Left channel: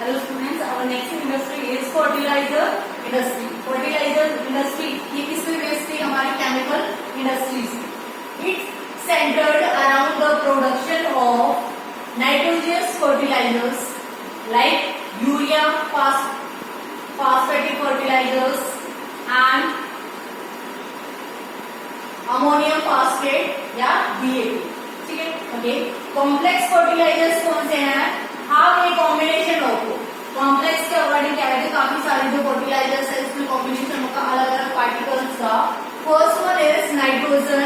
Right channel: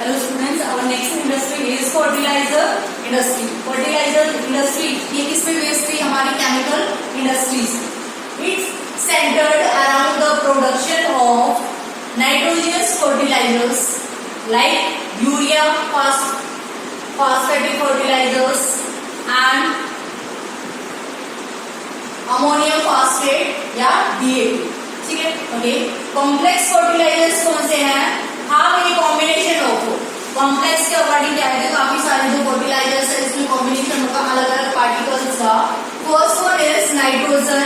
Hello students, our next industry is fertilizer industry. Fertilizer industry ये किस पे based थी? हमारी chemical industries. It's centered around the production of nitrogenous fertilizers like urea, phosphatic fertilizers and ammonium phosphate या DAP. ठीक है, okay. Complex fertilisers कौन से हैं? हाँ, ये कॉम्बिनेशन ऑफ कॉम्प्लेक्स के अकॉर्डिंग क्या है, काफी सारे जो फर्टिलाइजर्स है इसमें कॉम्बिनेशन होगा अलग अलग पार्टिकल्स का. First one is nitrogen,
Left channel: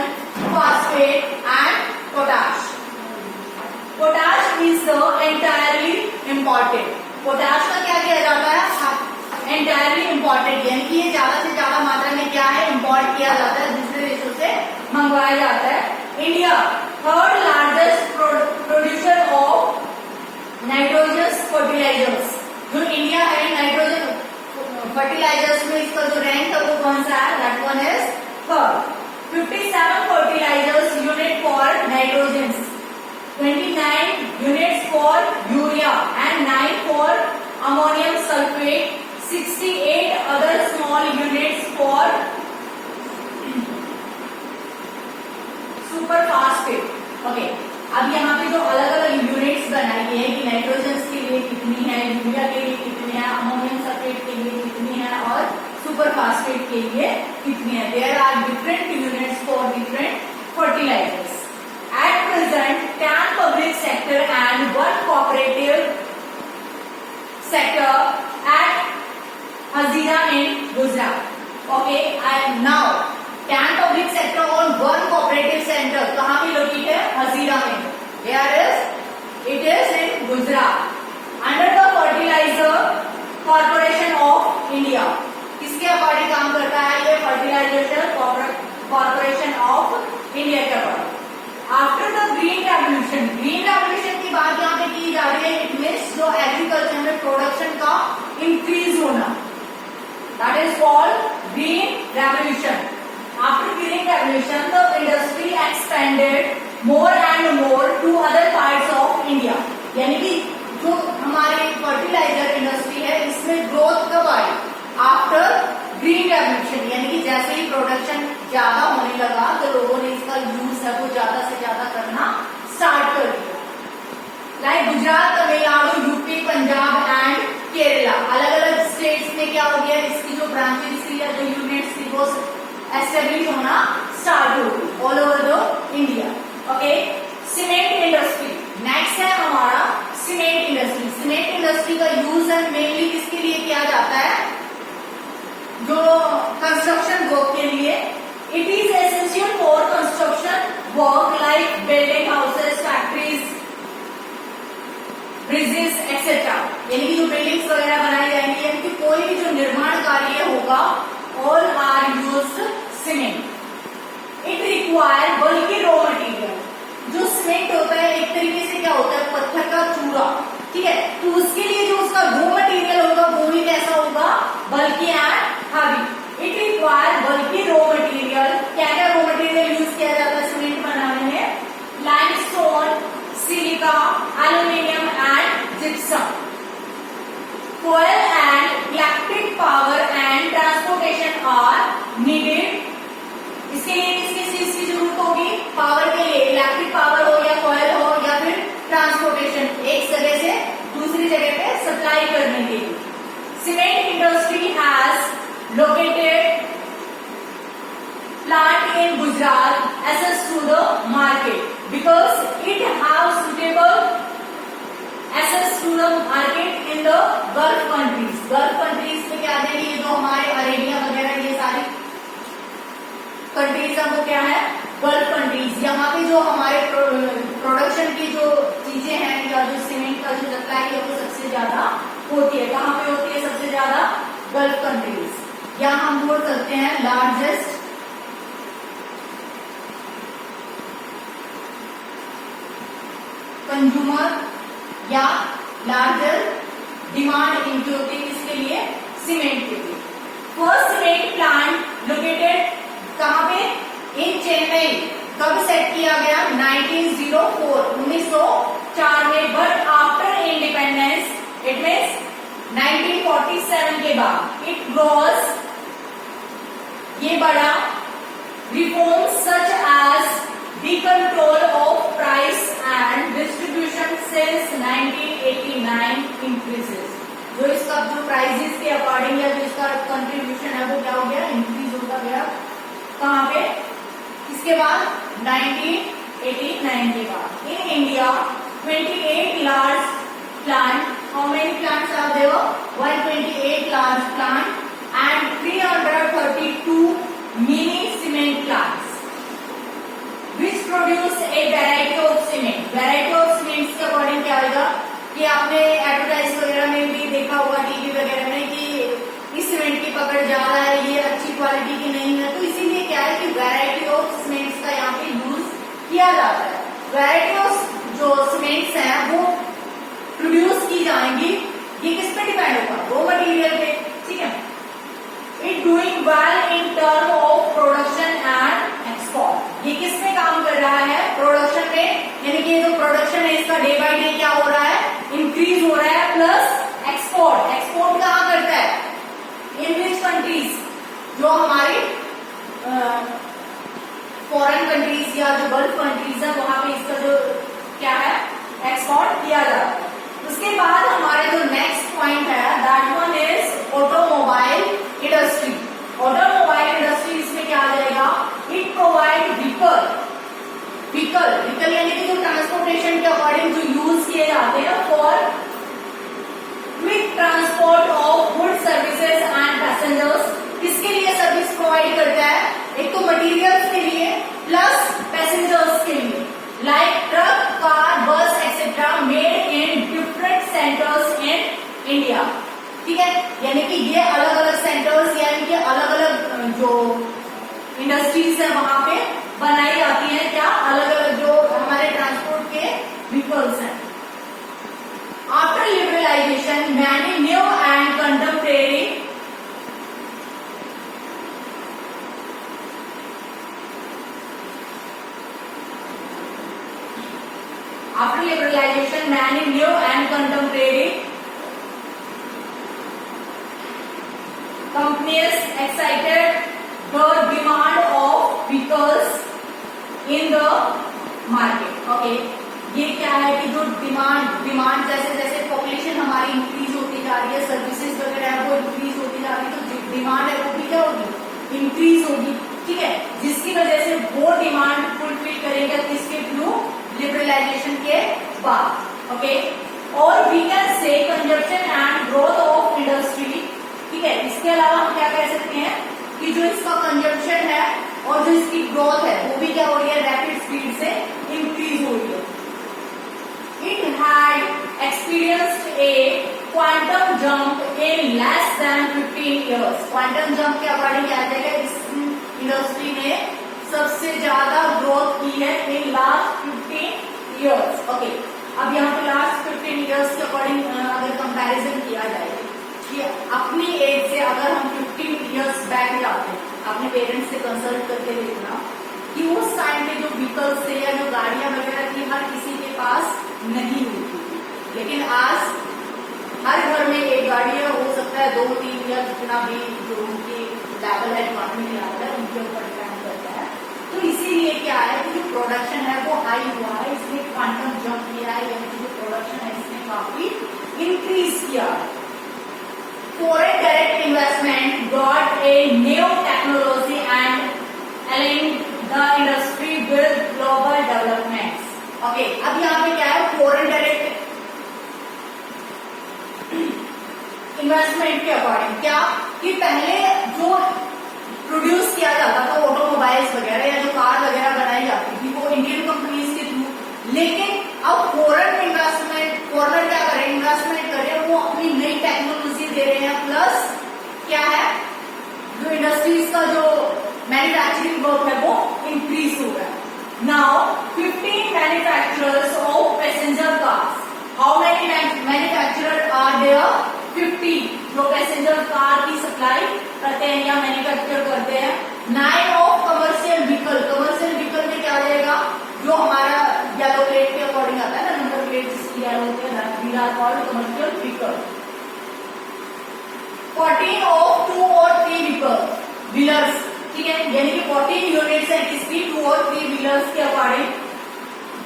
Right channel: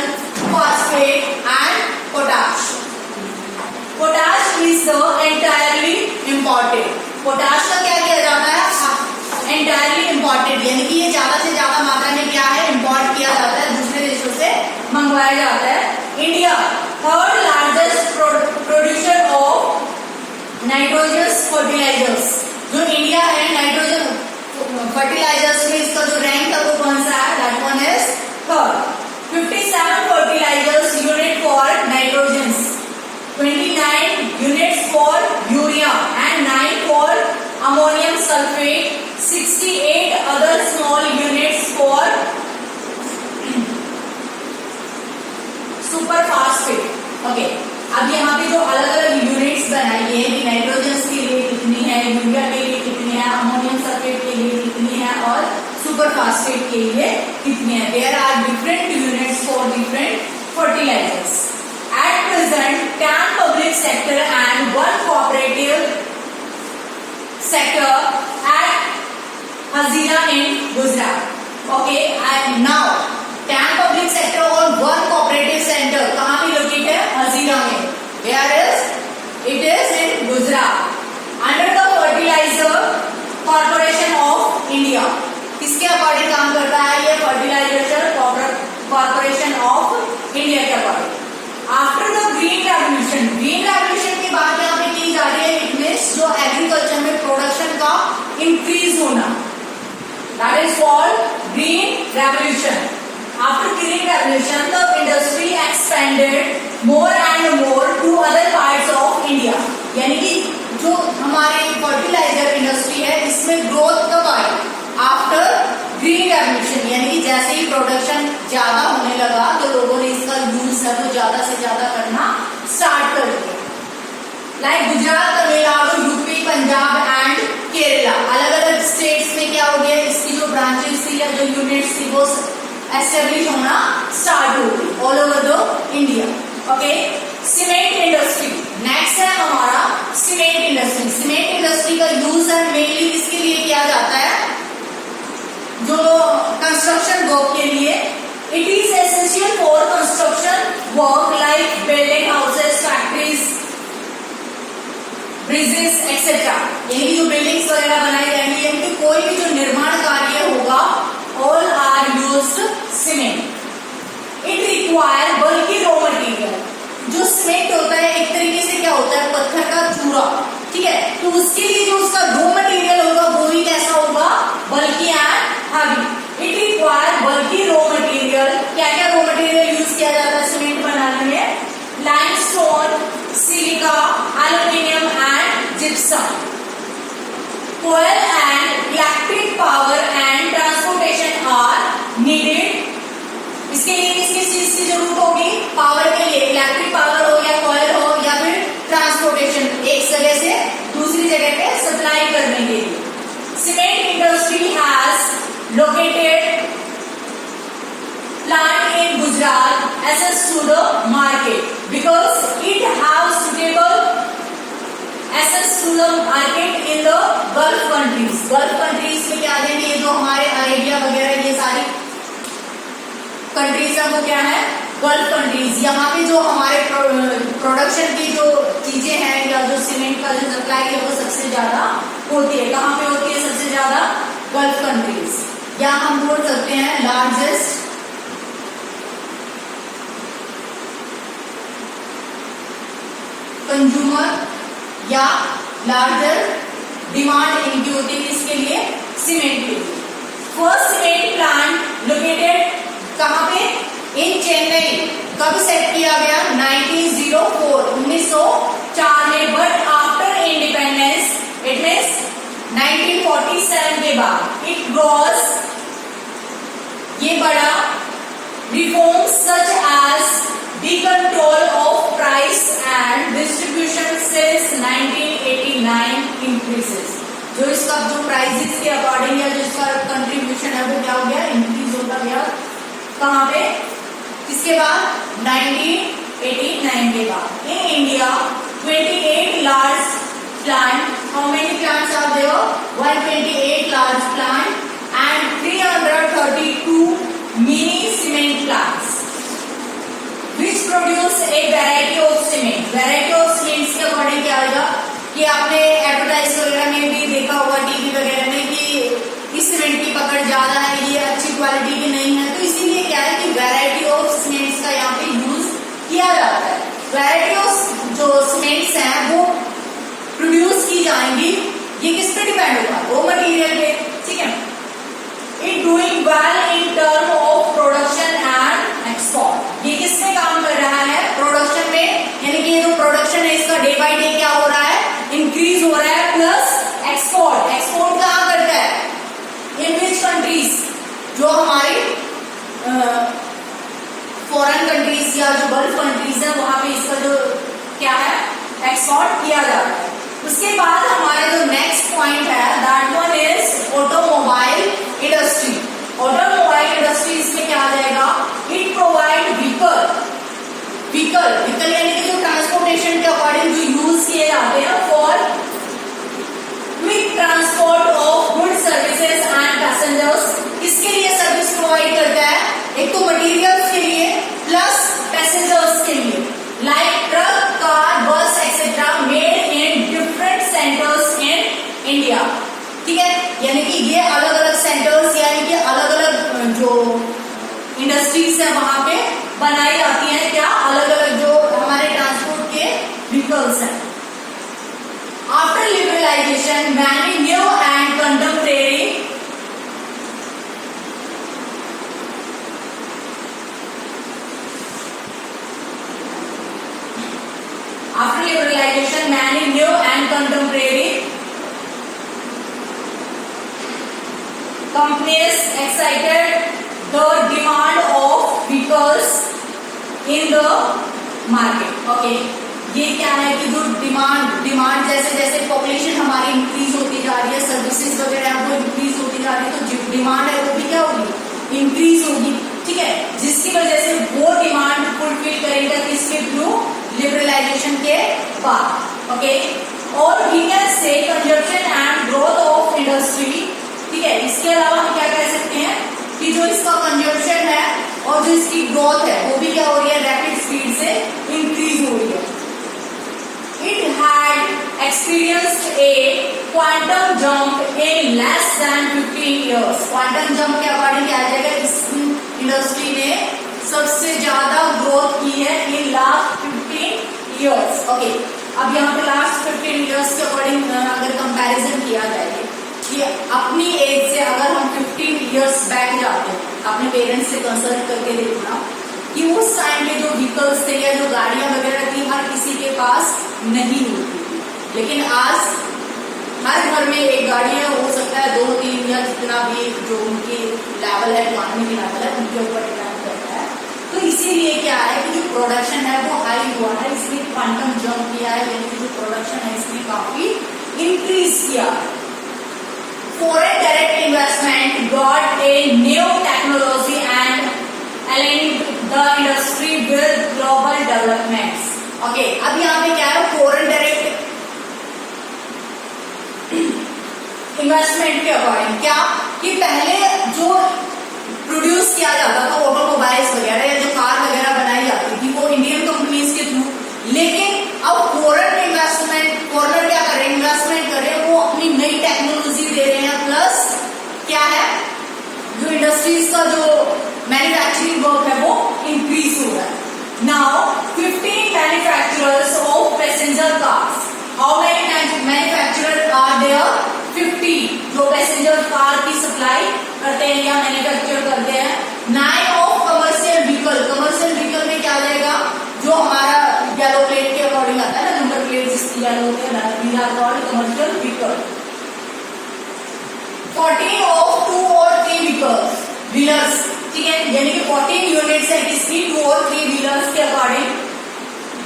phosphate and potash. Potash is the entirely important. Potash का क्या किया जाता है? एंटायरली इंपॉर्टेंट, यानी कि ये ज्यादा से ज्यादा मात्रा में क्या है, इंपोर्ट किया जाता है, दूसरे देशों से मंगवाया जाता है. India third largest producer of nitrogenous fertilizers. जो इंडिया है नाइट्रोजन फर्टिलाइजर्स में इसका जो रैंक है वो कौन सा है? That one is third. 57 fertilizers unit for nitrogens, 29 units for urea and 9 for ammonium sulphate, 68 other small units for super phosphate. Okay, अब यहाँ पे जो अलग अलग यूनिट्स बनाई है कि नाइट्रोजन के लिए कितनी है, यूरिया के लिए कितनी है, अमोनियम सल्फेट के लिए कितनी है और सुपर फास्फेट के लिए कितनी है. There are different units for different fertilizers. At present 10 public sector and 1 cooperative sector at Hazira in Gujarat. Okay, and now 10 public sector और 1 कोऑपरेटिव सेंटर कहाँ पे लोकेटेड है? हजीरा में. Where is? It is in Gujarat. Under the Fertilizer Corporation of India. किसके according काम करता है ये? फर्टिलाइजर कॉर्पोरेशन ऑफ इंडिया के according. After the green revolution, green revolution की बात यहाँ पे की जा रही है. इट मीन्स जो एग्रीकल्चर में प्रोडक्शन का इंक्रीज होना, that is called green revolution. After green revolution, the industry expanded more and more to other parts of India. यानी कि जो हमारे फर्टिलाइजर इंडस्ट्री है इसमें ग्रोथ कब आई? आफ्टर ग्रीन रेवोल्यूशन, यानी कि जैसे ही प्रोडक्शन ज्यादा होने लगा तो लोगों ने इसका यूज है वो ज्यादा से ज्यादा करना स्टार्ट कर दिया. Like Gujarat, Tamil Nadu, UP, Punjab and Kerala, अलग अलग स्टेट्स में क्या हो गया, इसकी जो ब्रांचेस थी या जो यूनिट्स थी वो एस्टेब्लिश होना स्टार्ट हो गई all over the India. Okay, cement industry next है हमारा. सीमेंट इंडस्ट्री, सीमेंट इंडस्ट्री का यूज है मेनली किसके लिए किया जाता है? जो कंस्ट्रक्शन वर्क के लिए. It is essential for construction work like building houses, factories, bridges etcetera. यानी कि जो बिल्डिंग्स वगैरह बनाई जाएंगी, यानी कि कोई भी जो निर्माण कार्य होगा all are used cement. It require bulky raw material. जो सीमेंट होता है एक तरीके से क्या होता है? पत्थर का चूरा. ठीक है, तो उसके लिए जो उसका रॉ मटेरियल होगा वो भी कैसा होगा? बल्कि एंड हैवी. इट रिक्वायर बल्कि रॉ मटेरियल. क्या क्या रॉ मटेरियल यूज किया जाता है सीमेंट बनाने में? Limestone, silica, aluminium and gypsum. Coal and electric power and transportation are needed. इसके लिए किस चीज की जरूरत होगी? पावर के लिए इलेक्ट्रिक पावर हो या कोयल हो या फिर ट्रांसपोर्टेशन, एक जगह से दूसरी जगह पे सप्लाई करने के लिए. Cement industry has located plant in Gujarat access to the market because it has suitable access to the market in the Gulf countries. Gulf countries में क्या देंगे? ये जो हमारे अरेबिया वगैरह ये सारी कंट्रीज हैं वो क्या है? Gulf countries. यहाँ पे जो हमारे प्रोडक्शन की जो चीजें हैं या जो सीमेंट का जो सप्लाई है वो सबसे ज्यादा होती है. कहाँ पे होती है सबसे ज्यादा? Gulf countries. या हम बोल सकते हैं लार्जेस्ट कंज्यूमर या लार्जर डिमांड इनकी होती है इसके लिए, सीमेंट के लिए. फर्स्ट सीमेंट प्लांट लोकेटेड कहाँ पे? इन चेन्नई. कब सेट किया गया? 1904 में. But after independence it means 1947 के बाद इट ग्रोस, ये बड़ा, reforms such as the control of price and distribution since 1989 increases. जो इसका जो प्राइसेस के अकॉर्डिंग या जो इसका कंट्रीब्यूशन है वो क्या हो गया, इंक्रीज होता गया। कहाँ पे, किसके बाद, 1989 के बाद। In India 28 large plant, how many plants are there, 128 large plant and 332 mini cement plants which produce a variety of cement. Variety of cements के अकॉर्डिंग क्या होगा कि आपने एडवर्टाइज वगैरह में भी देखा होगा, टीवी वगैरह में, कि इस सीमेंट की पकड़ ज्यादा है, ये अच्छी क्वालिटी की नहीं है, तो इसीलिए क्या है कि वैरायटी ऑफ सीमेंट्स का यहाँ पे यूज किया जाता है। वैरायटी ऑफ जो सीमेंट्स हैं वो प्रोड्यूस की जाएंगी, ये किस पे डिपेंड होगा, रॉ मटेरियल पे, ठीक है। It doing well in term of production and export। ये किस में काम कर रहा है, प्रोडक्शन में, यानी कि जो प्रोडक्शन है इसका डे बाय डे क्या हो रहा है, इंक्रीज हो रहा है, प्लस एक्सपोर्ट, एक्सपोर्ट कहाँ करता है, इन विच कंट्रीज, जो हमारी फॉरेन कंट्रीज या जो गल्फ कंट्रीज है वहां पे इसका जो क्या है, एक्सपोर्ट किया जाता है। उसके बाद हमारा जो नेक्स्ट पॉइंट है that one is automobile industry. Automobile industry इसमें क्या आ जाएगा, इट प्रोवाइड व्हीकल, व्हीकल यानी कि जो ट्रांसपोर्टेशन के अकॉर्डिंग जो यूज किए जाते हैं for quick transport of good services and passengers. किसके लिए सर्विस प्रोवाइड करता है, एक तो मटेरियल्स के लिए प्लस पैसेंजर्स के लिए, लाइक ट्रक, कार, बस etcetera made in different centres in India, ठीक है। यानी कि ये अलग अलग सेंटर्स यानी कि अलग अलग जो इंडस्ट्रीज है वहां पे बनाई जाती हैं, क्या, अलग अलग जो हमारे ट्रांसपोर्ट के व्हीकल्स हैं। After liberalisation many new and contemporary companies excited the demand of vehicles in the market. Okay, ये क्या है कि जो डिमांड जैसे जैसे पॉपुलेशन हमारी इंक्रीज होती जा रही है, सर्विसेज वगैरह है वो इंक्रीज होती जा रही है, तो जो डिमांड है वो भी क्या होगी, इंक्रीज होगी, ठीक है। जिसकी वजह से वो डिमांड फुलफिल करेगा किसके थ्रू, लिबरलाइजेशन के बाद। ओके, और we can say consumption and growth of industry, ठीक है। इसके अलावा हम क्या कह सकते हैं कि जो इसका कंजप्शन है और जो इसकी ग्रोथ है वो भी क्या हो रही है, रैपिड स्पीड से इंक्रीज हो रही है। It had experienced A quantum jump in less than 15 years. Quantum jump के अकॉर्डिंग क्या जाएगा, इस इंडस्ट्री ने सबसे ज्यादा ग्रोथ की है इन लास्ट 15 इयर्स। ओके, अब यहाँ पे लास्ट 15 इयर्स के अकॉर्डिंग अगर कंपैरिजन किया जाए कि अपनी एज से अगर हम 15 इयर्स बैक जाते हैं, अपने पेरेंट्स से कंसल्ट करके देखना कि उस टाइम पे जो व्हीकल्स थे या जो गाड़ियां वगैरह थी हर किसी के पास नहीं होती थी, लेकिन आज हर घर में एक गाड़ी है, हो सकता है 2-3 या जितना भी जो उनकी लेवल है, इकोनॉमी की लेवल है उनके ऊपर डिपेंड करता है। तो इसीलिए क्या है कि जो प्रोडक्शन है वो हाई हुआ है, इसलिए क्वांटम जंप किया है, यानी कि जो प्रोडक्शन है इसने काफी इंक्रीज किया। Foreign direct investment brought a new technology and aligned the industry with global developments. Okay, अब यहाँ पे क्या है, foreign direct इन्वेस्टमेंट के अकॉर्डिंग क्या कि पहले जो प्रोड्यूस किया जाता था ऑटोमोबाइल्स वगैरह या जो कार वगैरह बनाई जाती थी वो इंडियन कंपनीज के थ्रू, लेकिन अब फॉरेन इन्वेस्टमेंट, फॉरेनर क्या कर रहे हैं, इन्वेस्टमेंट कर रहे हैं, वो अपनी नई टेक्नोलॉजी दे रहे हैं, प्लस क्या है जो इंडस्ट्रीज का जो मैन्युफैक्चरिंग वर्क है वो इंक्रीज हो रहा है। Now 15 manufacturers of passenger cars, how many manufacturer are there, 50 जो पैसेंजर कार की सप्लाई करते हैं या मैन्युफैक्चर करते हैं। 9 of commercial vehicle, commercial vehicle में क्या आएगा, जो हमारा येलो प्लेट के अकॉर्डिंग आता है ना, नंबर प्लेट जिसकी येलो होते हैं, these are called commercial vehicle. Wheelers, ठीक है, यानी कि 14 यूनिट्स है किसकी, 2 और 3 व्हीलर्स के according.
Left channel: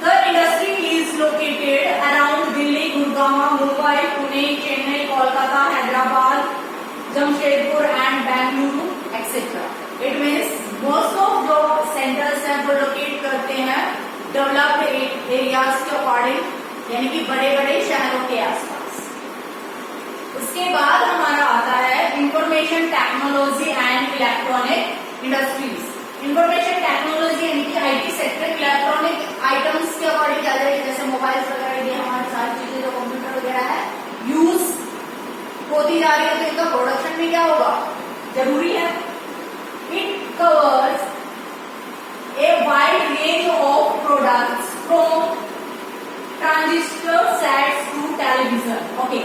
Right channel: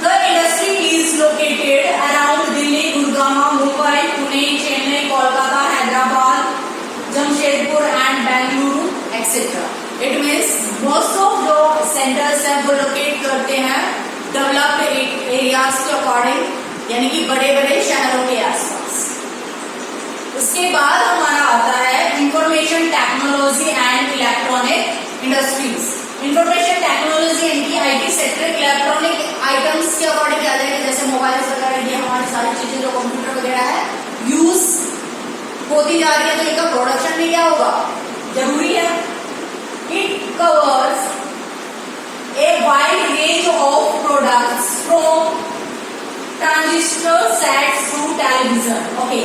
The industry is located around Delhi, Gurgaon, Mumbai, Pune, Chennai, Kolkata, Hyderabad, Jamshedpur and Bengaluru etcetera. It means most of जो सेंटर्स हैं वो लोकेट करते हैं डेवलप्ड एरियाज के अकॉर्डिंग, यानी कि बड़े बड़े शहरों के आसपास। उसके बाद हमारा आता है information technology and electronic industries. Information technology यानी कि आईटी सेक्टर, इलेक्ट्रॉनिक आइटम्स के अकॉर्डिंग क्या जाएगा, जैसे मोबाइल वगैरह, ये हमारी सारी चीजें जो कंप्यूटर वगैरह है यूज होती जा रही है, तो इनका प्रोडक्शन भी क्या होगा, जरूरी है। It covers a wide range of products from transistor sets to television. Okay,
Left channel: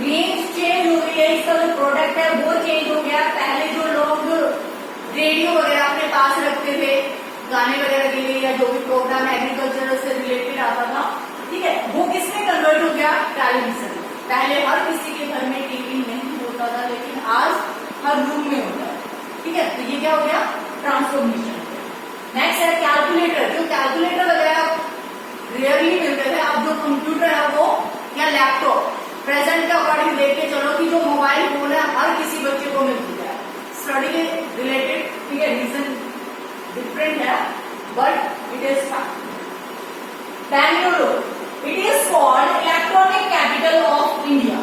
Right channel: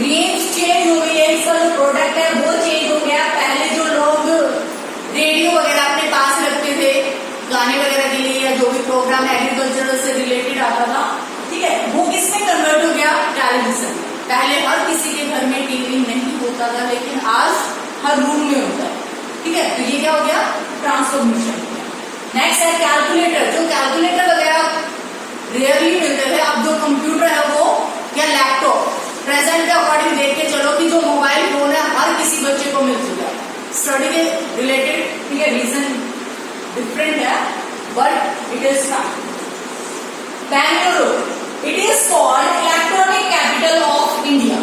range change हो गई है, इसका जो प्रोडक्ट है वो चेंज हो गया। पहले जो लोग रेडियो वगैरह अपने पास रखते थे गाने वगैरह के लिए, या जो भी प्रोग्राम एग्रीकल्चर से रिलेटेड आता था, ठीक है, वो किसमें कन्वर्ट हो गया, टेलीविजन। पहले हर किसी के घर में टीवी नहीं होता था, लेकिन आज हर रूम में होता है, ठीक है, तो ये क्या हो गया, ट्रांसफॉर्मेशन। नेक्स्ट है कैलकुलेटर। जो कैलकुलेटर वगैरह रेयरली मिलते थे, अब जो कंप्यूटर है वो या लैपटॉप, प्रेजेंट के अकॉर्डिंग देख के चलो कि जो मोबाइल फोन है हर किसी बच्चे को मिल चुका है। स्टडी के रिलेटेड, ठीक है, रीजन डिफरेंट है but it is fact. Bengaluru, it is called electronic capital of India.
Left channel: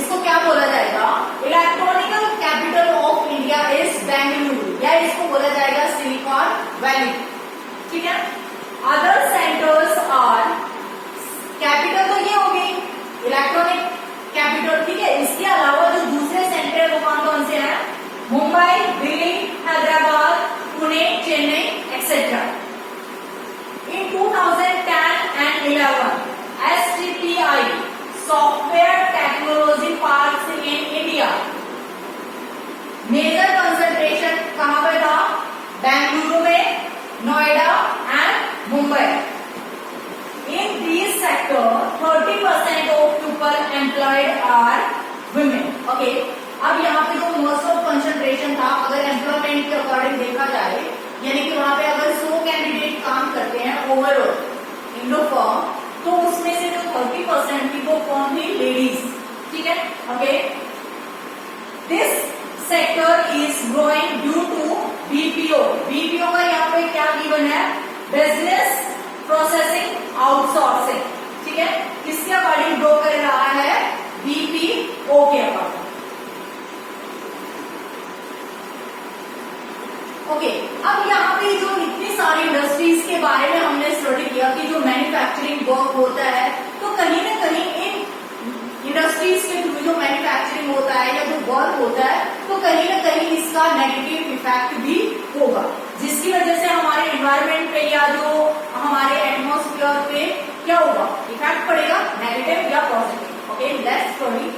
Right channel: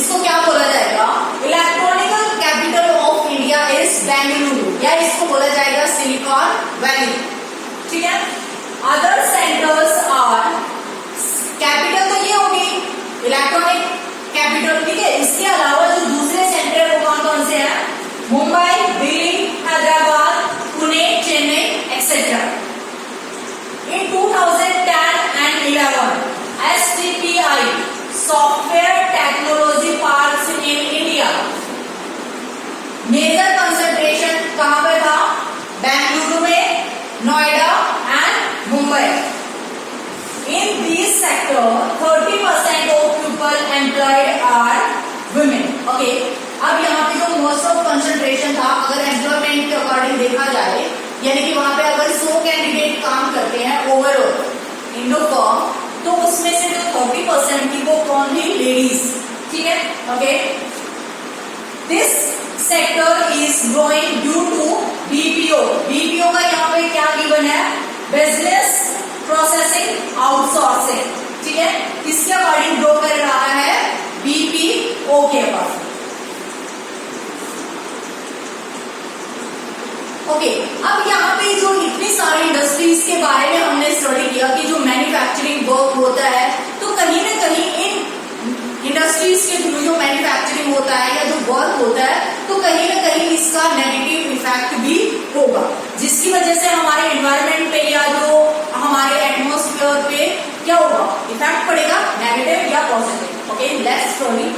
इसको क्या बोला जाएगा, electronical capital of India is Bengaluru, या इसको बोला जाएगा सिलिकॉन वैली, ठीक है। अदर सेंटर्स आर, कैपिटल तो ये होगी इलेक्ट्रॉनिक कैपिटल, ठीक है, इसके अलावा जो दूसरे सेंटर वो कौन कौन से हैं, Mumbai, Delhi, Hyderabad, Pune, Chennai etcetera. In 2010 and 11 STPI software technology parks in India, major concentration कहां पे था, बेंगलुरु में, Noida and Mumbai. In these sector 30% of people employed are women. Okay, अब यहाँ पे जो मोस्ट ऑफ कंसंट्रेशन था, अगर एम्प्लॉयमेंट के अकॉर्डिंग देखा जाए, यानी कि वहां पे अगर 100 कैंडिडेट काम करते हैं ओवरऑल इंडो फॉर्म, तो उसमें से जो 30% थी वो कौन थी, लेडीज, ठीक है। Okay, this sector is growing due to BPO. BPO का यहाँ पे क्या गिवन है, बिजनेस प्रोसेसिंग आउटसोर्सिंग, ठीक है, किसके अकॉर्डिंग ग्रो कर रहा है, बीपीओ के पास। ओके, अब यहाँ पे जो इतनी सारी इंडस्ट्रीज के बारे में हमने स्टडी किया कि जो मैन्युफैक्चरिंग वर्क होता है, तो कहीं ना कहीं इन इंडस्ट्रीज के थ्रू जो मैन्युफैक्चरिंग होता है या जो वर्क होता है, तो कहीं ना कहीं इसका नेगेटिव इफेक्ट भी होगा, जिसकी वजह से हमारे एनवायरमेंट पे या जो हमारे एटमॉस्फेयर पे क्या होगा, इफेक्ट पड़ेगा, नेगेटिव या positive. Okay, let's study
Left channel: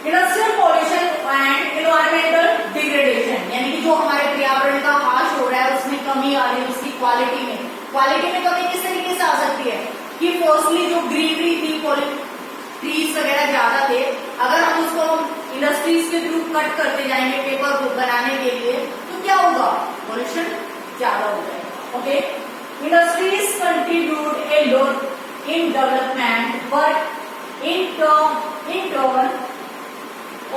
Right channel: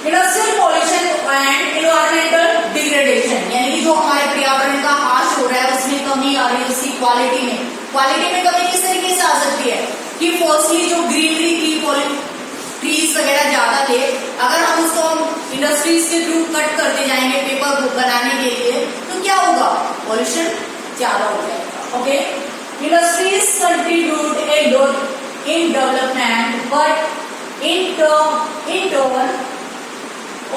industrial pollution and environmental degradation, यानी कि जो हमारे पर्यावरण का हाश हो रहा है उसमें कमी आ रही है, उसकी क्वालिटी में कमी किस तरीके से आ सकती है कि फर्स्टली जो ग्रीनरी थी, ट्रीज वगैरह ज्यादा थे, अगर हम उसको इंडस्ट्रीज के थ्रू कट करते जाएंगे पेपर बनाने के लिए, तो क्या होगा, पॉल्यूशन ज्यादा हो जाएगा। Okay, industries contribute a lot in development but in turn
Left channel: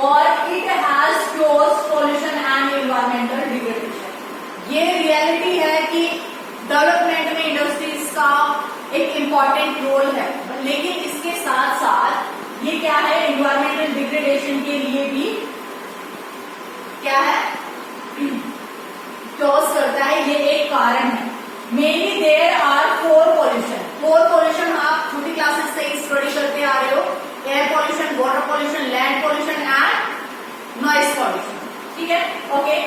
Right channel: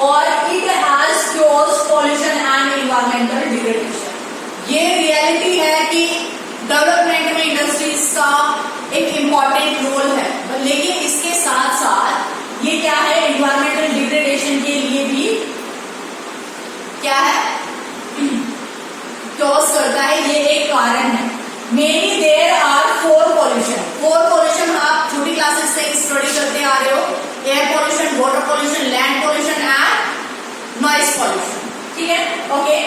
और it has caused pollution and environmental degradation. ये रियलिटी है कि डेवलपमेंट में इंडस्ट्रीज का एक इम्पॉर्टेंट रोल है, लेकिन इसके साथ साथ ये क्या है, एनवायरमेंटल डिग्रेडेशन के लिए भी क्या है, कॉज करता है, ये एक कारण है। मेनली देयर आर 4 पॉल्यूशन आप छोटी क्लासेस से स्टडी करते आ रहे हो, air pollution, water pollution, land pollution and noise pollution, ठीक है। ओके,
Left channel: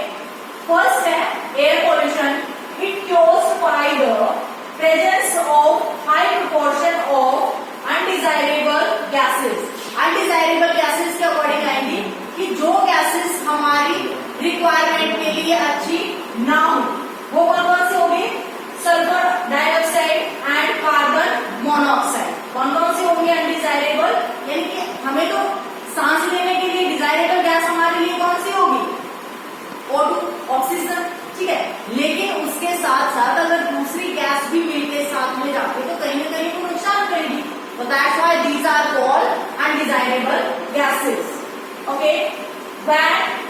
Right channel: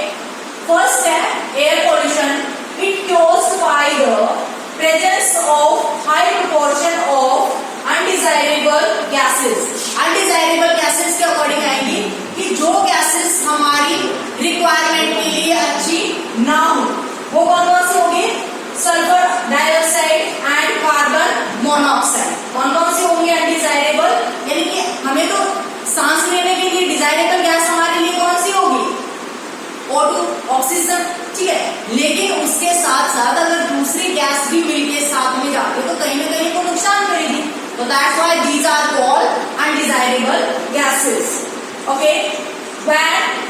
फर्स्ट है air pollution. It caused by the presence of high proportion of undesirable gases। undesirable gases के अकॉर्डिंग आएंगी कि जो gases हमारी रिक्वायरमेंट के लिए अच्छी ना हो, वो कौन कौन सी होगी, sulphur dioxide and carbon monoxide. कौन कौन सी होंगी अनडिजायरेबल, यानी कि हमें तो सांस लेने के लिए डिजायरेबल गैस हमारे लिए कौन सी होगी, O2 ऑक्सीजन, ठीक है। लेकिन उसके साथ साथ अगर दूसरी गैस भी मिलके साथ में जाती है तो कहीं ना कहीं वो नुकसान करेगी। तो that's why these are called undesirable gases. Okay, when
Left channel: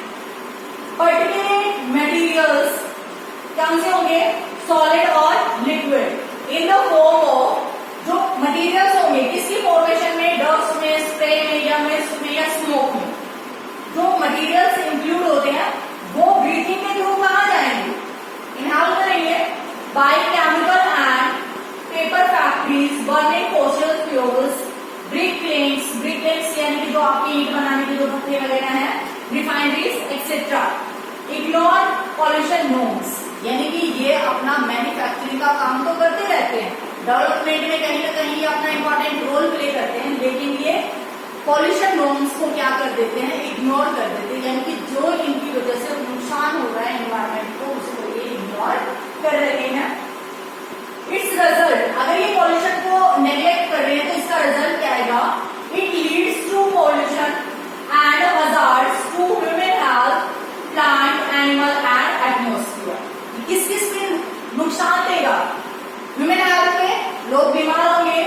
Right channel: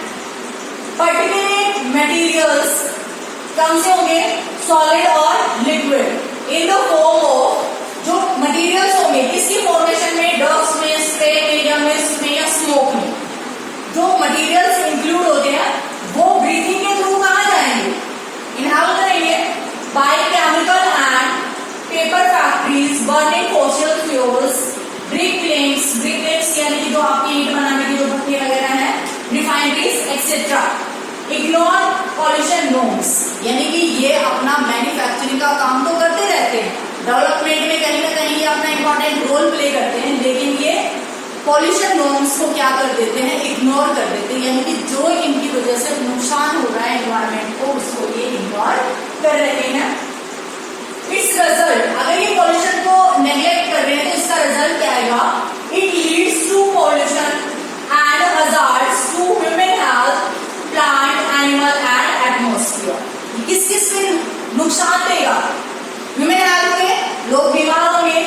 particular materials कौन से होंगे, सॉलिड और liquid, in the form of, जो मटेरियल्स होंगे किसकी फॉर्मेशन में, डस्ट में, स्प्रे में या मिस्ट में या स्मोक में, जो मटेरियल्स इंक्लूड होते हैं वो ब्रीथिंग के थ्रू कहाँ जाएंगे, इनहेल करेंगे by chemical and paper factories burning fossil fuels, brick limbs यानी कि जो आपकी ईंट बनाने की जो भट्टी वगैरह है, refineries etcetera. Ignore pollution norms, यानी कि ये अपना मैन्युफैक्चरिंग का काम तो करते रहते हैं, डेवलपमेंट में कहीं ना कहीं ये अपना इंपॉर्टेंट रोल प्ले करते हैं, लेकिन ये पॉल्यूशन नॉर्म्स को क्या कर देते हैं, इग्नोर कर देते हैं, यानी कि जो इनकी वजह से नुकसान हो रहा है एनवायरमेंट को उसको ये इग्नोर कर रहे हैं। इट्स रिजल्ट, अगर ये पॉल्यूशन को नेग्लेक्ट कर रहे हैं तो इसका रिजल्ट क्या आएगा, it leads to pollution and hazards to human health, plant, animal and atmosphere. किस किस में नुकसान देगा, ह्यूमन हेल्थ में लोग बीमार होंगे,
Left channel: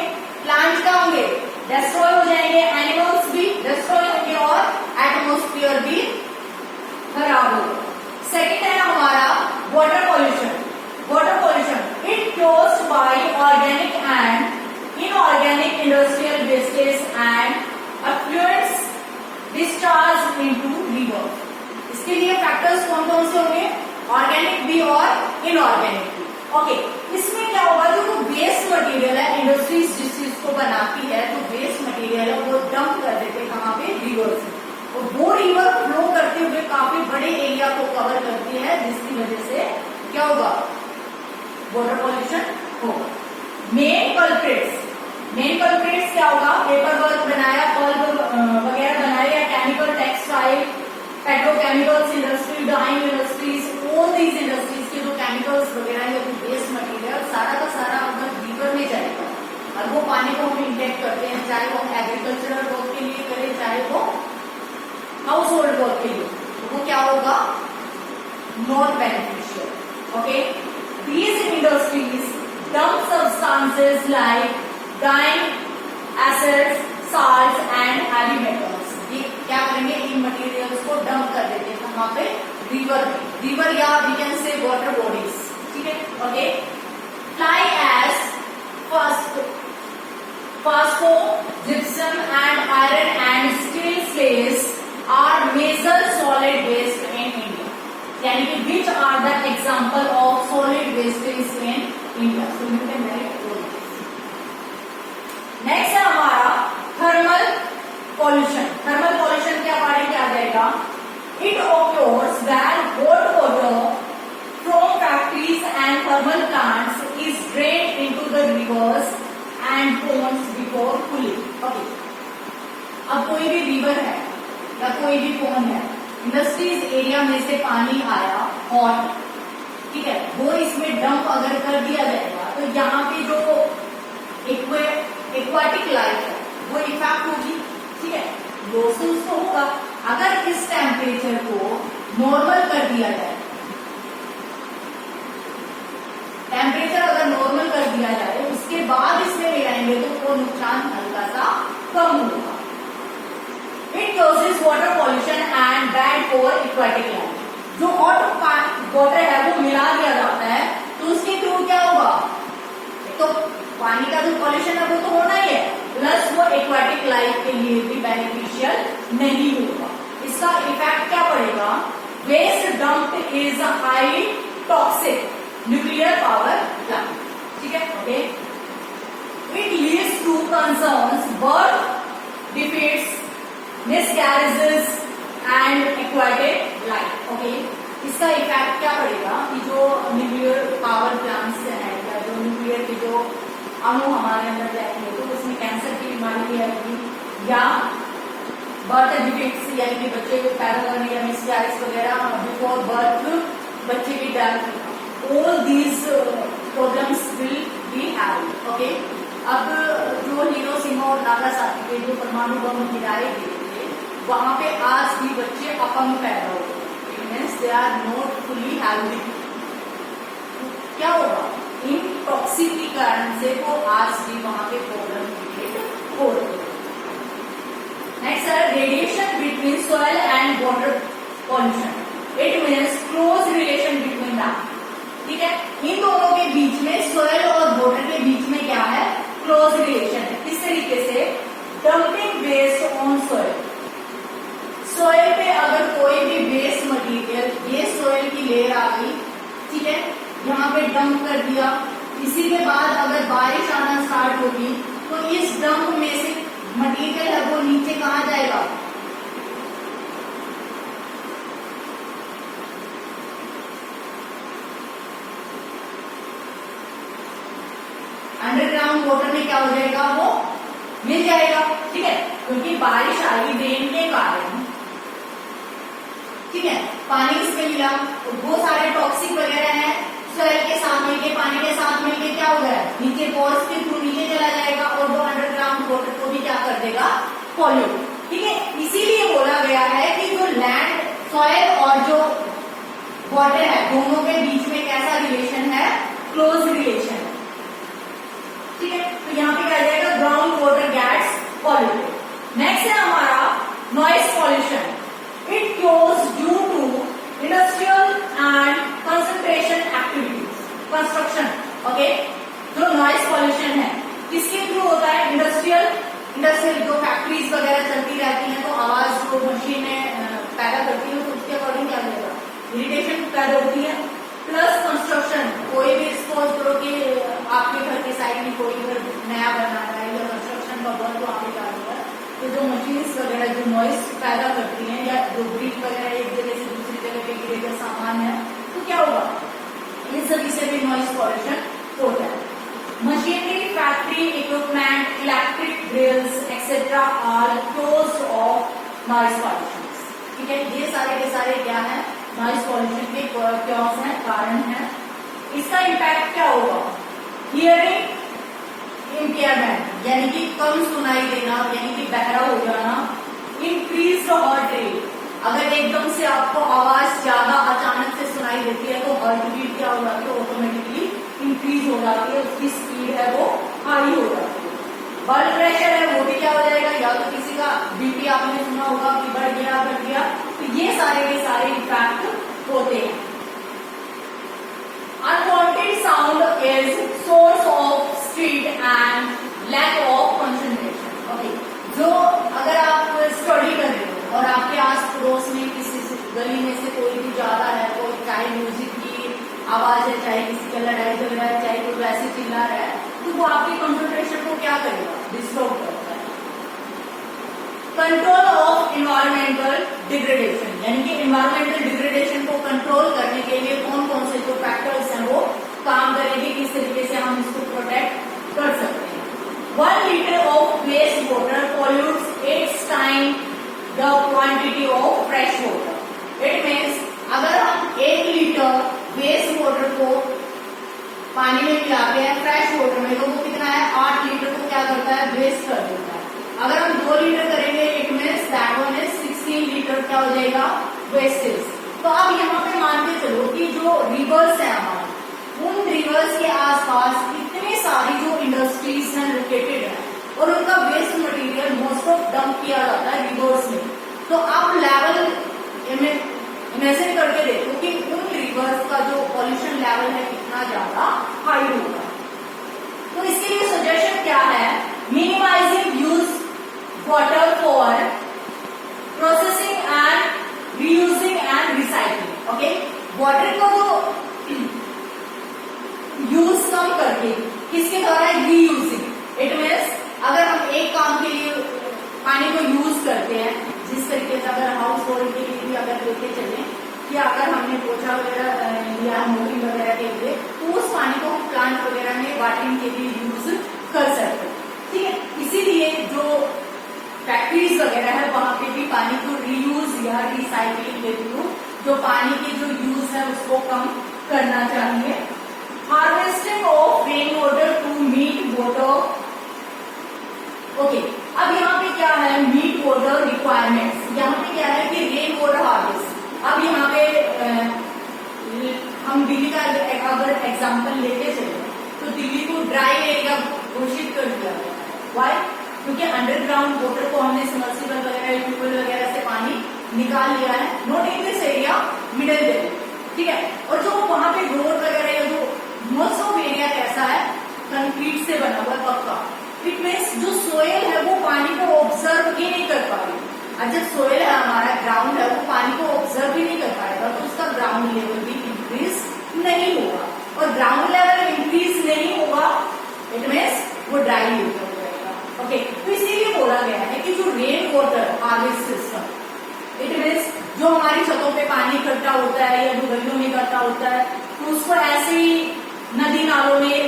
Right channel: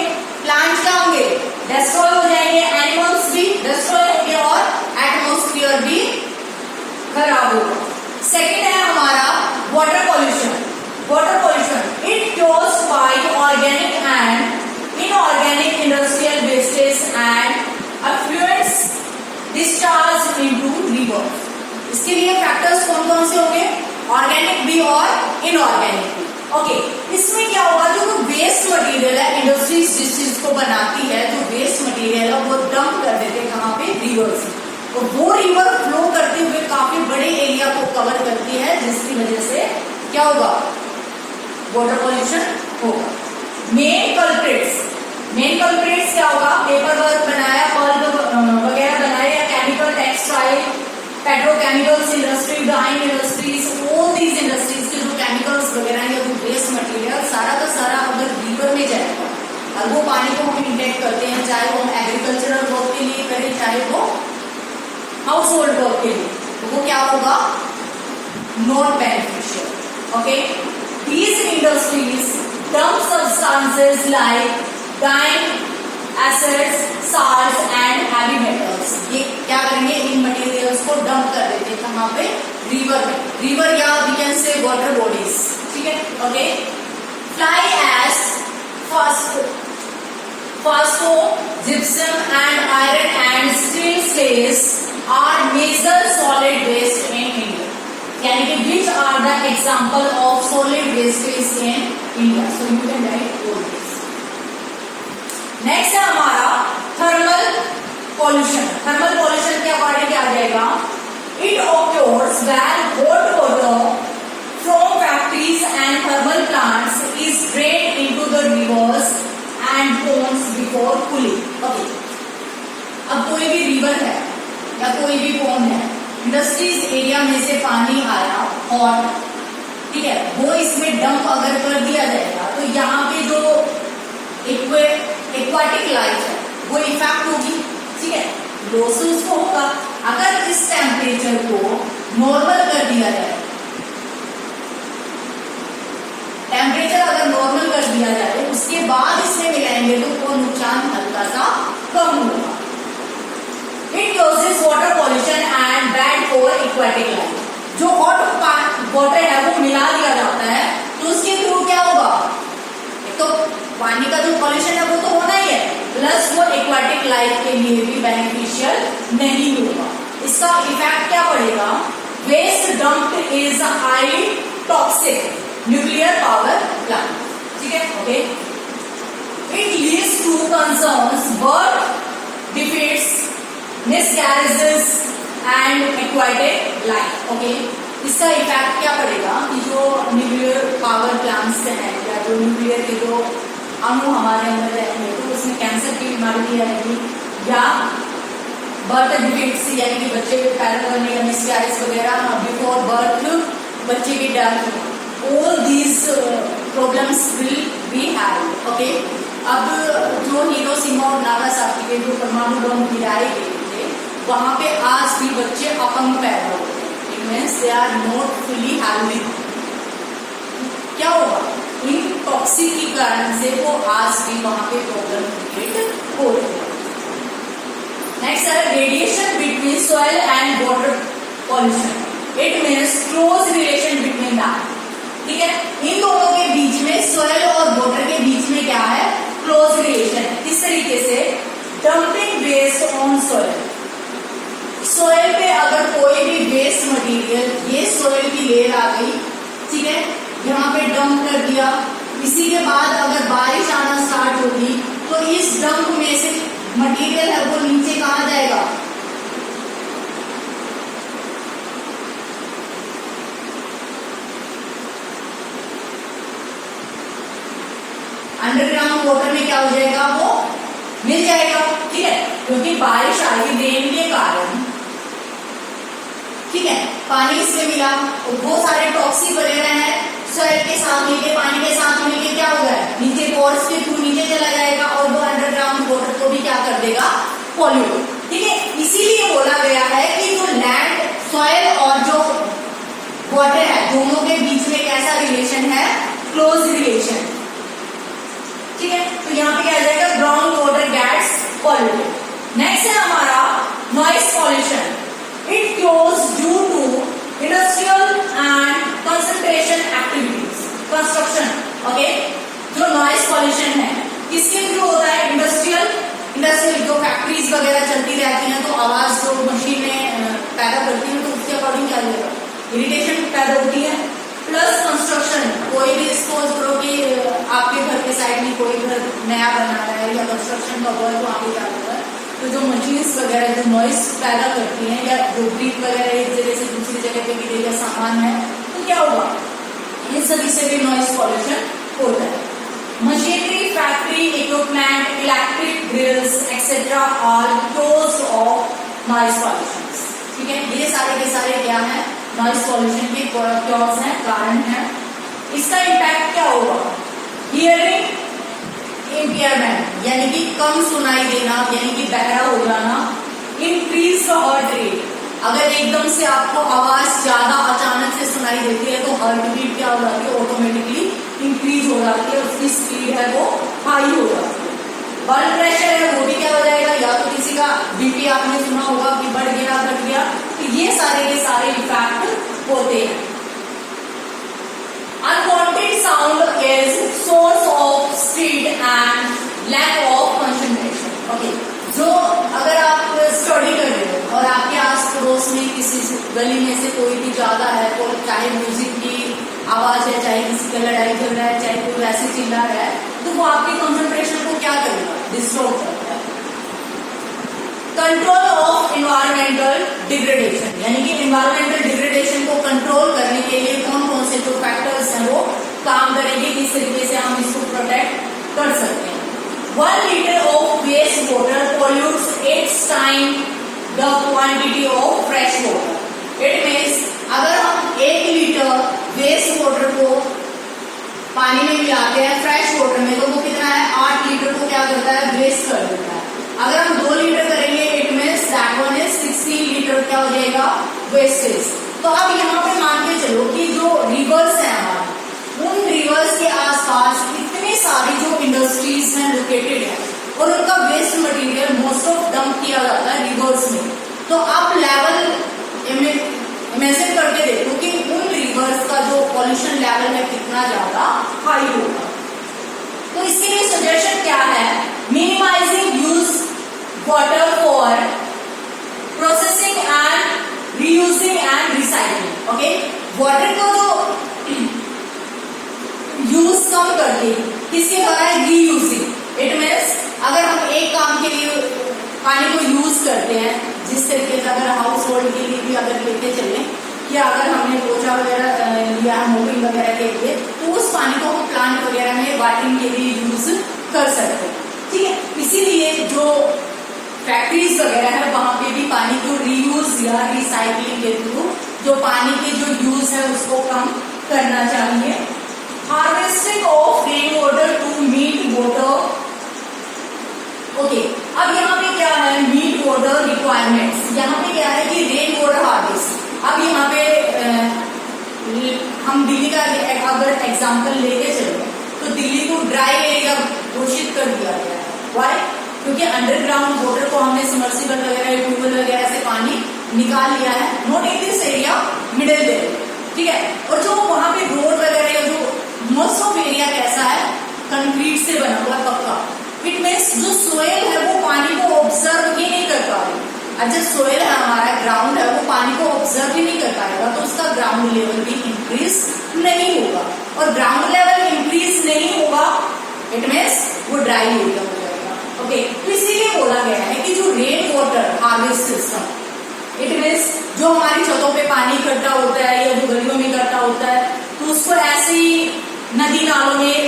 प्लांट्स क्या होंगे, डिस्ट्रॉय हो जाएंगे, एनिमल्स भी डिस्ट्रॉय होंगे और एटमॉस्फेयर भी खराब होगा। सेकंड है हमारा water pollution. Water pollution it cures by organic and inorganic industrial wastage and effluents discharge into river. इसके लिए फैक्टर्स कौन कौन से होंगे, ऑर्गेनिक भी और इनऑर्गेनिक भी। ओके, इसमें क्या होगा, जो वेस्ट मटेरियल है, इंडस्ट्रीज जिस चीज को बनाती है, जो वेस्ट मटेरियल है वो डंप कर देते हैं कहाँ पे, रिवर्स में। तो वो रिवर फ्लो करते हुए काफी बड़े एरिया को कवर करती है, जिसकी वजह से क्या होगा, वाटर पॉल्यूशन होगा। मेन कल्प्रिट्स क्या होगा, पेपर वर्क बनाया, बल्ब वगैरह बनाया, या chemical, textile, petrochemicals industry, dyeing industries, all these industries के जो केमिकल्स वगैरह या जो वेस्ट मटेरियल सारा का सारा अगर रिवर में जाएगा और वो पानी को हम इंटेक्ट करते हैं, चाहे वो हम एग्रीकल्चरल वर्क के लिए करें, चाहे वो हाउस होल्ड वर्क के लिए, तो वो क्या होगा, not beneficial. Okay, these industries dump substances like dyeing acids, salts and heavy metals. ये क्या करेंगे, इन मटेरियल्स को डंप कर देते हैं कहाँ पे, रिवर में, रिवर या we can say water bodies, ठीक है। Okay, fly ash, phosphogypsum and iron and steel slag are major solid waste in India, यानी कि which are the example of solid wastage in India. So you can write all this. Next है हमारा thermal pollution. Thermal pollution के according क्या आ जाएगा, it occurs when hot water from factories and thermal plants is drained into the reverse and ponds before cooling. Okay, अब कोई भी river है या कोई भी पोन्ड है, इंडस्ट्रीज एरिया में से पानी आया हॉट, ठीक है, वो इसमें डंप अगर कर दिया जाएगा तो यहाँ पे जो एक्वाटिक लाइफ है वो इफेक्ट होगी, ठीक है, लॉसेस को होगा। अगर इस टेम्परेचर को नॉर्मल कर दिया जाए, टेम्परेचर अगर नॉर्मल कर दिया जाए उसके बाद इसमें मिलाएंगे तो वो नुकसान हल्का सा कम होगा। It causes water pollution and bad for aquatic life. जो हॉट वाटर है वो मिला दिया जाता है तो उसके थ्रू क्या होगा, तो पानी का जो पॉल्यूशन है वो तो होना ही है, प्लस वो एक्वाटिक लाइफ के लिए भी बेनिफिशियल नहीं होगा। इसका इफेक्ट क्या पड़ेगा, waste dumped is highly toxic nuclear power plant, ठीक है। Okay, it leads to concerns birth defects, miscarriages and aquatic life. Okay, इसका इफेक्ट क्या पड़ेगा कि जो न्यूक्लियर पावर प्लांट्स हैं या जो न्यूक्लियर के जो अणु हमारे अंदर रहेंगे तो उसमें कैंसर की बीमारी आएगी, या बर्थ डिफीट्स यानी कि बच्चे के पैदा होने या मिसकैरेज वगैरह, बिफोर बर्थ बच्चे की death, all these problems will be had. Okay, अब जो हिरोशिमा और नागासाकी के जो परमाणु बम गिराए गए थे वहां पे आज भी बच्चे अपंग पैदा होते हैं, means they are not fully healthy. क्या होगा, इन टॉक्सिक के कारण से वो आज भी वहां पे प्रॉब्लम क्रिएट हो रही है। नेक्स्ट है radiation between soil and water pollution. It means close relation between that. ठीक है, इन दोनों के बीच में, सॉइल और वाटर के बीच में क्या है, क्लोज रिलेशन है। किस तरीके से, dumping waste on soil. Soil पे अगर कोई भी वेस्ट मटेरियल, ये सॉइल की लेयर आ गई, ठीक है, यहाँ पे डंप कर दिया, इसी के बाद अगर बारिश आना स्टार्ट होगी तो इस डंप में से मटेरियल है वो नीचे कहाँ जाएगा, अंडरग्राउंड वाटर में क्या हो जाएगा, वो मिल जाएगा। ठीक है, क्योंकि बारिश आ रही, रेन के कारण, ठीक है, पानी इसमें मिला और वो सारे टॉक्सिक वगैरह है सॉइल के साथ मिलके, पानी के साथ मिलके क्या हो गया, नीचे पोर्स के थ्रू नीचे चला जाएगा और वो अंडरग्राउंड वाटर को भी क्या कर देगा, पॉल्यूट। ठीक है, इसीलिए बोला गया है कि जो लैंड, सॉइल और जो वाटर है, दोनों के बीच में कैसा रिलेशन है, क्लोज रिलेशन। ठीक है, तो यहाँ पे क्या आ जाएगा, ground water gets polluted. Next है हमारा noise pollution. It close due to industrial and concentration activities, construction. Okay, जो नॉइस पॉल्यूशन है किसके थ्रू होता है, इंडस्ट्रियल जो फैक्ट्रीज वगैरह चलती रहती हैं तो आवाज जो मशीनें पैदा करती हैं तो उसके अकॉर्डिंग क्या होगा, इरिटेशन पैदा होती है। प्लस कंस्ट्रक्शन, कोई भी सपोज करो कि आपके घर के साइड में कोई घर नया बना रहा है या कंस्ट्रक्शन का वर्क वहाँ पे क्या होता है, तो जो मशीन्स वगैरह जो नॉइस पैदा करती हैं या जो ब्रीथ वगैरह एक जगह से दूसरी जगह पे गिरे या सामान है तो क्या होगा, इन सभी से भी नॉइस पॉल्यूशन होता है। Machinery, factory equipment, electric grills etcetera are cause of noise pollution. ठीक है, ये सारे के सारे क्या है, नॉइस पॉल्यूशन के कॉज हैं, कारण है। इसका इम्पैक्ट क्या होगा, हियरिंग इम्पेयरमेंट यानी कि कम सुनाई देना, यानी कि बहरा हो जाना। इंक्रीज हार्ट रेट, अगर एकदम से आपको आवाज ज्यादा अचानक से सुनाई देती है तो हार्ट बीट क्या हो जाती है, ऑटोमेटिकली इंक्रीज हो जाती है, उसकी स्पीड है वो हाई हो जाती है। ब्लड प्रेशर है वो भी क्या हो जाएगा, या तो किसी का बीपी आपने सुना होगा कि बढ़ गया घट गया, तो ये सारे के सारे इफेक्ट होते हैं। Unwanted sound is source of street and lack of concentration. Okay, जो अगर आप स्टडी कर रहे हो और आपके आस पड़ोस में किसी गली में से कोई भी ज्यादा है, तो चाहे म्यूजिक की आवाज है, चाहे किसी का लड़ाई चल रहा है, चाहे कोई वैसे चिल्ला रहा है, तो वो आपकी कंसंट्रेशन को क्या करेगा, डिस्टर्ब करता है। कंट्रोल ऑफ इन्वायरमेंटल डिग्रेडेशन, यानी कि इन्वायरमेंटल डिग्रेडेशन को कंट्रोल करने के लिए कौन कौन से जो फैक्टर्स हैं वो काम करेंगे, किस तरीके से हम इसको प्रोटेक्ट कर सकते हैं। 1 litre of waste water pollutes 8 time the quantity of fresh water. It means अगर हम 1 लीटर वेस्ट वाटर को पानी में मिलाते हैं फ्रेश वाटर में, तो वो कितना है, 8 लीटर को क्या करता है, वेस्ट कर देता है। अगर हम 2 लीटर करेंगे, it means that one is 16 litre क्या हो जाएगा, वेस्टेज। तो अब यहाँ पे मान के चलो कि जो रिवर्स है हमारे, उन रिवर्स के आसपास इतने सारी जो इंडस्ट्रीज हैं लोकेटेड है और उनका waste material most of dump किया जाता है रिवर्स में। तो आप लेवल इमेजिन करके देखो कि उन रिवर्स का जो पॉल्यूशन लेवल है कितना ज्यादा हाई होगा। तो इसके लिए सजेशन क्या है, minimising use water for processing and reusing and recycling. Okay, water को तो यूज कम करके किसके द्वारा, रीयूजिंग। इट मीन्स अगर हम एक काम के लिए पानी को यूज करते हैं, जिस तरीके से अगर हाउस होल्ड के लिए भी अगर लेके चलें, या अगर हमने पोछा वगैरह लिया मोबिंग वगैरह के लिए, तो उस पानी को हम प्लांट वगैरह में वाटरिंग के लिए यूज कर सकते हैं। ठीक है, इसीलिए जो फैक्ट्रीज वगैरह है वहां पे भी पानी को रीयूज या रिसाइकलिंग के थ्रू जो पानी के जो यूज है उसको कम करना चाहिए। Harvesting of rain water to meet water. Okay, अब यहाँ पे क्या है, मीट वाटर रिक्वायरमेंट्स। यहाँ पे क्या है कि रेन वाटर हार्वेस्ट। अब यहाँ पे अगर एग्जाम्पल लेके चले तो दिल्ली को ड्राई एरिया घोषित कर दिया गया है। वाई? क्योंकि अंडरग्राउंड वाटर को हमने सबमर्सिबल वगैरह ट्यूबवेल वगैरह से पानी निकाल लिया है। Not in this area, middle area, ठीक है। और जो वहां पे रोड वगैरह या जो मोस्ट ऑफ एरिया कैसा है, कंक्रीट से बना हुआ पक्का। इट मीन्स जो सोयल है वो पानी को ऑब्जर्व ही नहीं कर पा रही। अच्छा, सोयल है हमारा, ग्राउंड है, वो पानी को ऑब्जर्व ही नहीं कर पाएगा, तो उसका ग्राउंड लेवल भी इंक्रीज नहीं होगा। और ग्राउंड लेवल इंक्रीज नहीं होगा, इट मीन्स वो ड्राई एरिया हो जाएगा। ओके, तो इसीलिए बोला गया है कि जो rain water harvest system, it means जो हमारी छतों पे पानी इकट्ठा होता है या जो गलियों में इकट्ठा होता है, तो उसको ऐसे ही नदी नालों में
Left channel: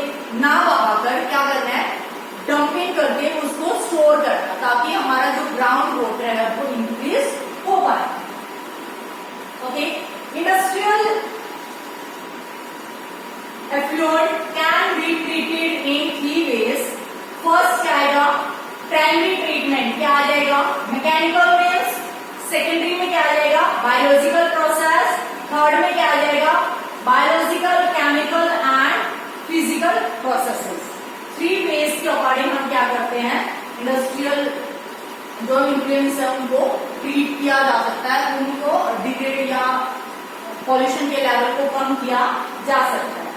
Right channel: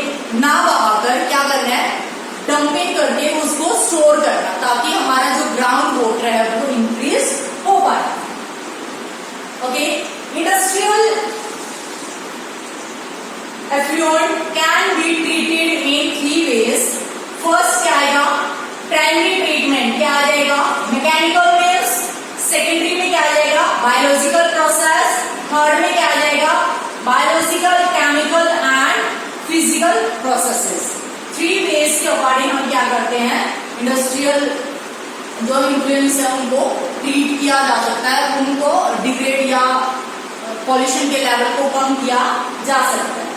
ना बहाकर क्या करना है, डंपिंग करके उसको स्टोर करना, ताकि हमारा जो ग्राउंड वाटर है वो इंक्रीज हो पाए। Okay, industrial effluent can be treated in 3 ways। First क्या आएगा, प्राइमरी ट्रीटमेंट क्या आ जाएगा, मैकेनिकल मीन्स। सेकेंडरी में क्या आ जाएगा, बायोलॉजिकल प्रोसेस। थर्ड में क्या आ जाएगा, biological, chemical and physical processes. 3 ways के अकॉर्डिंग हम क्या करते हैं, इंडस्ट्रियल जो इन्फ्लुएंस है उनको ट्रीट किया जा सकता है, उनको डिग्रेड या पॉल्यूशन के लेवल को कम किया जा सकता है।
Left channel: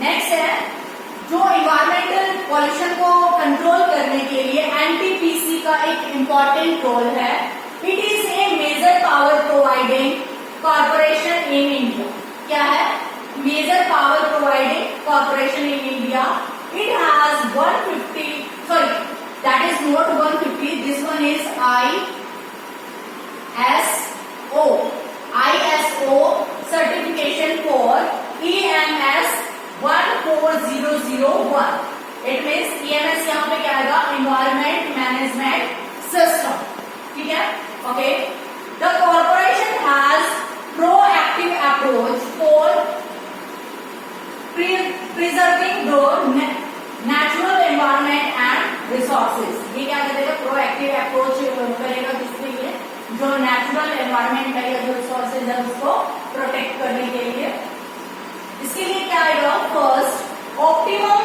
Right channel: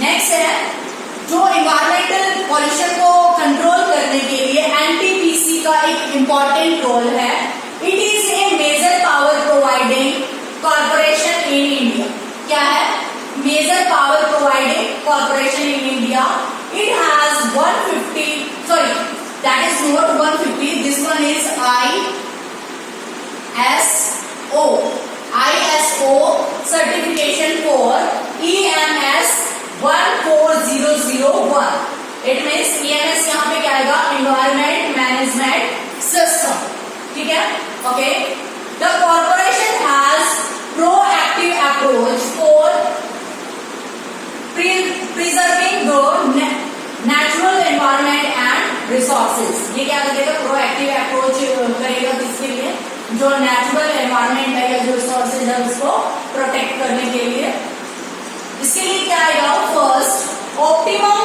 नेक्स्ट है, जो इन्वायरमेंटल पॉल्यूशन को कंट्रोल करने के लिए एनटीपीसी का एक इंपॉर्टेंट रोल है। It is a major power providing corporation in India. क्या है, major power providing corporation in India. It has 150, sorry that is not 150, this one is ISO certification for EMS 14001। इट मीन्स EMS यहाँ पे क्या आएगा, environment management system, ठीक है। Okay, the corporation has proactive approach for preserving the natural environment and resources. ये क्या करेगा, प्रोएक्टिव अप्रोच करेगा किसके लिए, जो नेचुरल एनवायरमेंट है या जो रिसोर्सेज है उसको प्रोटेक्ट करने के लिए। इसके लिए क्या आएगा, first optimum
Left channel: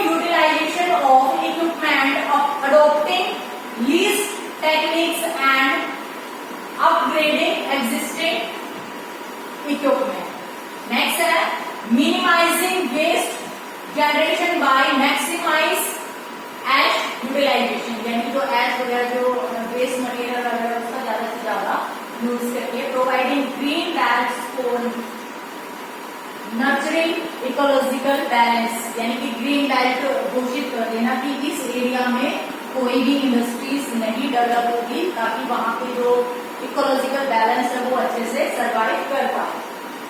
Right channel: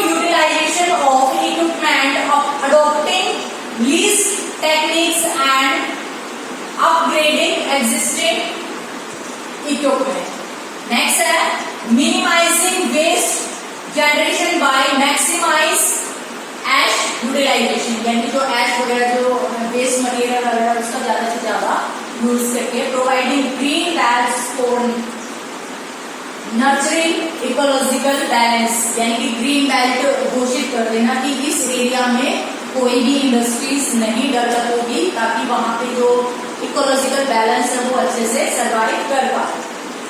utilisation of equipment, adopting least techniques and upgrading existing equipment. Next है minimising waste generation by maximise ash utilisation, यानी जो एश वगैरह जो वेस्ट मटेरियल वगैरह उसका ज्यादा से ज्यादा यूज करके providing green belts for nurturing ecological balance, यानी कि ग्रीन बेल्ट घोषित कर देना कि इस एरिया में कोई भी इंडस्ट्रीज नहीं डेवलप होगी, ताकि वहां पे जो इकोलॉजिकल बैलेंस है वो अच्छे से सर्वाइव कर पाए।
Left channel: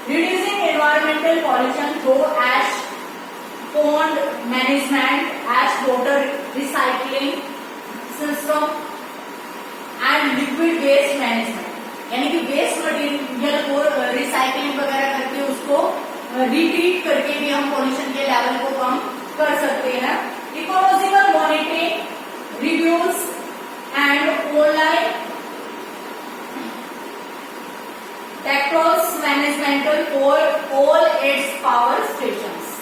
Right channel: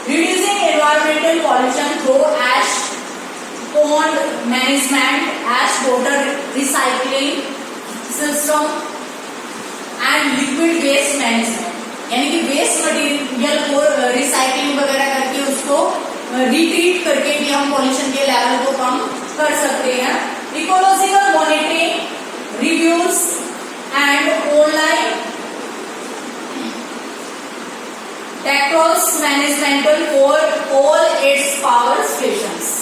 Reducing environmental pollution through ash pond management, ash water recycling system and liquid waste management, यानी कि वेस्ट मटेरियल को रिसाइकलिंग वगैरह करके उसको रिट्रीट करके भी हम पॉल्यूशन के लेवल को कम कर सकते हैं। Ecological monitoring, reviews and online टेक्टोस managemental for all its power stations,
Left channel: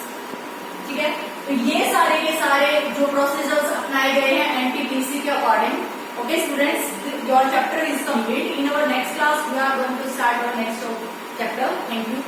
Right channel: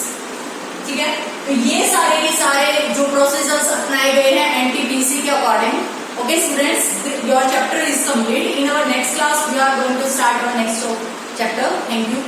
ठीक है। तो ये सारे जो प्रोसीजर्स अपनाए गए हैं एनटीपीसी के अकॉर्डिंग। Okay students, your chapter is complete. In our next class we are going to start our next chapter. Thank you.